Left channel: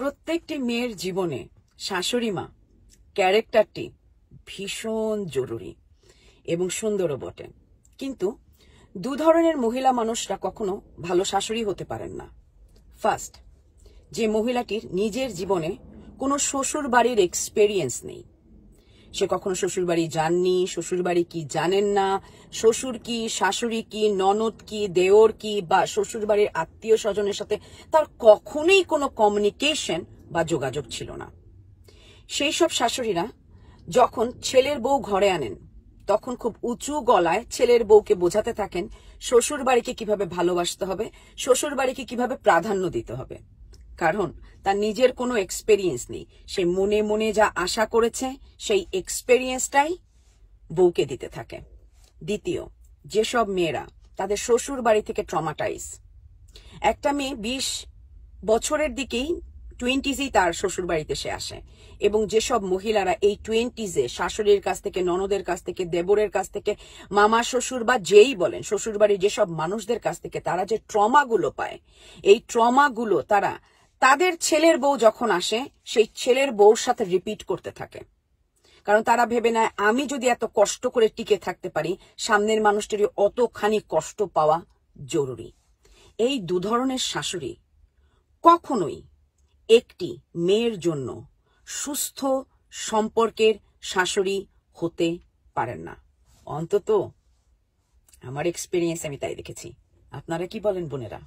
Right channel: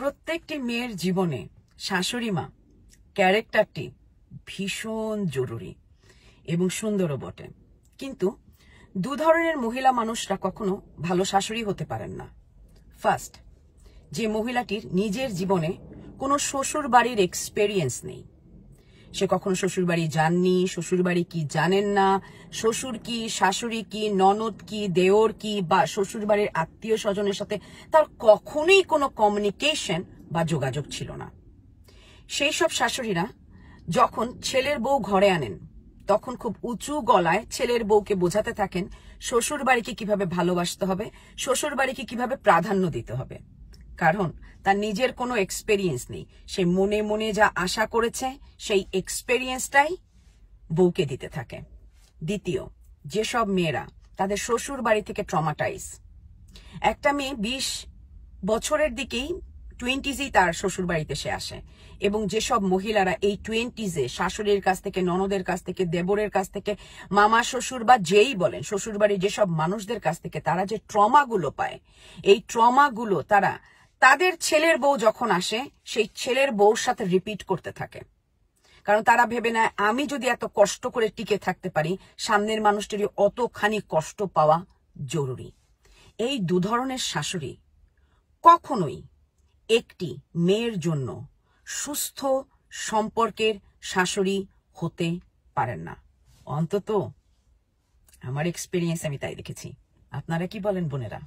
প্রত্যেকটি মেয়ের জীবনে শাশুড়ি মা ক্যারেক্টারটি ভীষণ জরুরি এবং সুন্দরও বটে। কিন্তু দু ধরনের মহিলা মানুষরা কখনো ভালো শাশুড়ি হতে পারেন না। ফার্স্ট, যে মহিলাটির নিজের জীবনে কোনো শ্বশুর বাড়ির এক্সপেরিয়েন্স নেই, সে কখনো শ্বশুর বাড়ি যাননি, শ্বশুর বাড়ি কি জানেন না, শ্বশুর কি, শাশুড়ি কি, ননদ কি, দেওর কি, বা শ্বশুর বাড়ির আত্মীয় স্বজনের সাথে তার কখনোই কোনো কমিউনিকেশন বা যোগাযোগ ছিল না। সেই সব শাশুড়িরা যখন ছেলের বউ ঘরে আনেন তখন খুব উঁচু গলায় ছেলের বউকে বোঝাতে থাকেন শ্বশুর বাড়িকে কিভাবে ভালোবাসতে হবে, শ্বশুর বাড়িকে কিভাবে প্রাধান্য দিতে হবে। কারণ তার নিজের কোনো এক্সপেরিয়েন্স নেই, সে মনে মনে যা আশা করেছে সেই এক্সপেরিয়েন্সটাই বউকে দিতে থাকে। দ্বিতীয়, যেসব মেয়েরা তাদের শ্বশুর বাড়ি থেকে ট্রমাটাইজ, একটা মেয়ে 20 বছরের দিকেই 20s তার শ্বশুর বাড়িতে সে আসে, এবং যেসব মহিলারা এই 20s শাশুড়ির কাছ থেকে, ননদের কাছ থেকে, দেবরের কাছ থেকে, মামা শ্বশুর বা যেই বলেন শ্বশুর বাড়ির যেসব মানুষদের কাছ থেকে তারা যে ট্রমাগুলো পায়, এই ট্রমাগুলো তারা তাদের ছেলের বউ যখন আসে সেই ছেলের বউর সাথে রিপিট করতে থাকে। কারণ তারা ভেবে নেয় আমি যদি এত কষ্ট করে টিকে থাকতে পারি, সামনের মানুষটিরই অতখানি কষ্ট পাওয়া জরুরি। এই দু ধরনের শাশুড়ি কখনোই একটি মেয়ের জন্য সুস্থ সম্পর্কের শাশুড়ি হতে পারেন না। অন্তত আমার এক্সপেরিয়েন্স আমি তাই দেখেছি। আপনারা কি বলেন বোনেরা?